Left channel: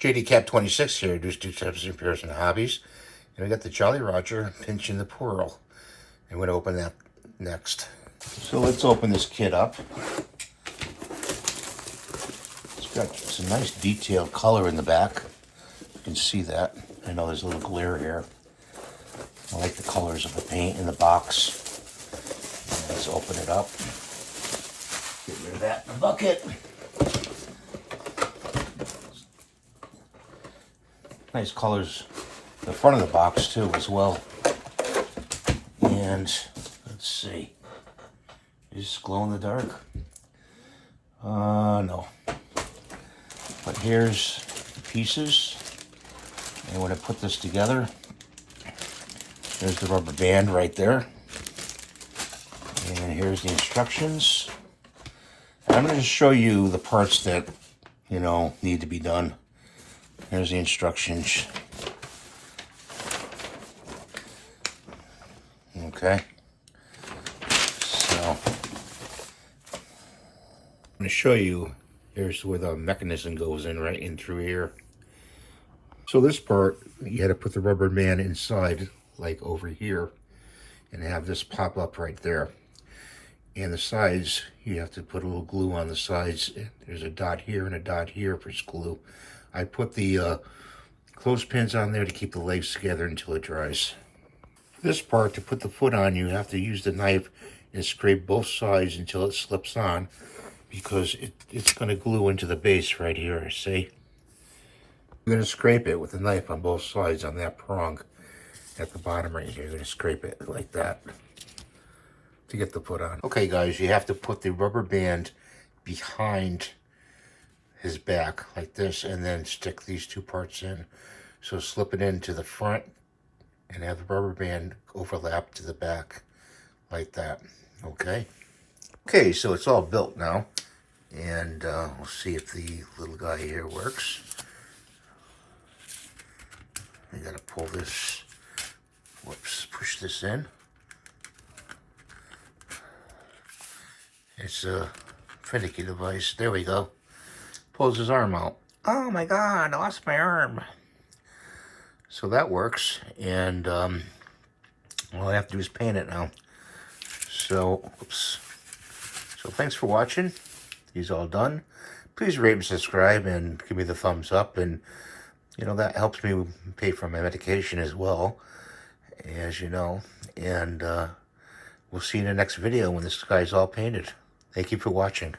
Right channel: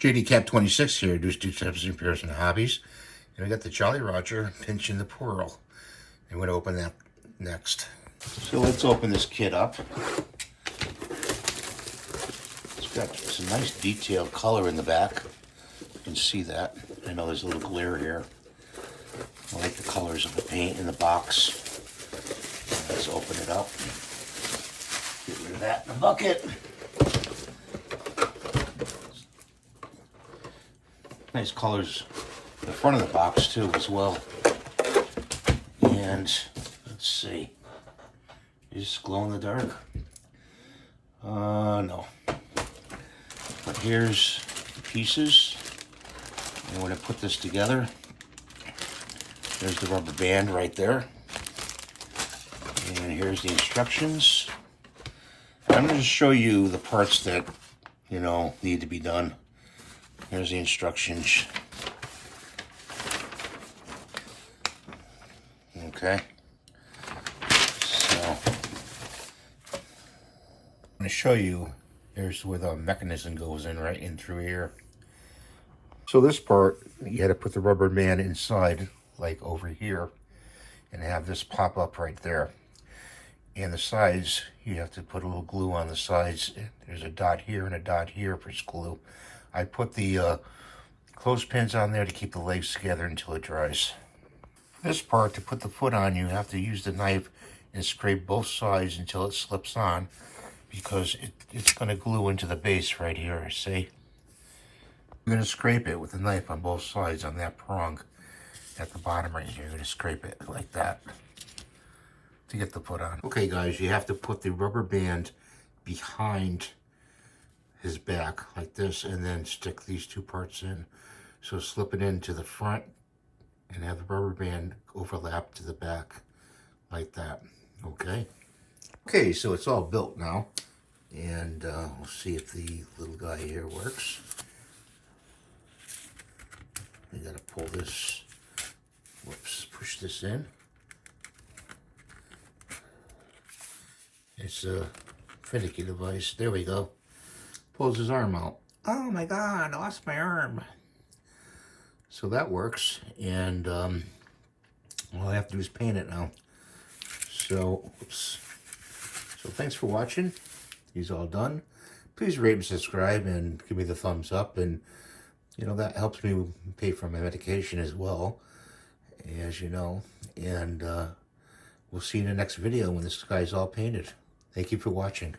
JD Cap 26 here, do tips and repairs and hobbies. And I got the Jolly Rodger pinching the peril. I'm going to open that next. So let's open this kit up. It's got some nice detailed color in the back. You can see that. I know there's a little glare here. I like the colors of the paint in the box. Let's open it up. Get rid of that in the bucket. Nice colors the front of the box too as well. And let's see. Is glow in the dark? No. But here's the pieces. And when I put this together, there's the rubber band right there. And here's the instructions. I'm going to show you the parts that, need to be done. Here's the instructions. Okay. So, I'm going to show you, here's where the mechanism goes in, right in through here. So this part, you had to put the rubber band inside, like over here, and have this pop up right there. And the sides, you have to put a little glue on the sides. There's a dot here and a dot here for glue. I put the clothespins on there to keep the legs together until it dries. For this part, to put the foot on, you have to use the knife and scrape both sides until it slips on, because it's going to glue into the base right here, see? You're going to scrape it with the knife on both sides on that prong at the bottom right here. You're going to scrape it like that to get the foot on. Okay guys, you have to put the rubber band behind his back like this, and then stick these two parts in. So slip it into the front and have the rubber band overlap to the back like that. Okay, so it's all built now, and we'll see if the little guy here works. I gotta pull this, push this in. It's a finicky device. There we go. Pulls his arm out. Oh my God, I lost my arm. So that works, and all I have to do is paint it now. So, So thanks for watching. He's all done. Please rate and subscribe and give me the thumbs up, and that helps me pay for my medication as well, as you know. And we'll see you in the next video when this guy's all painted. Thank you for watching.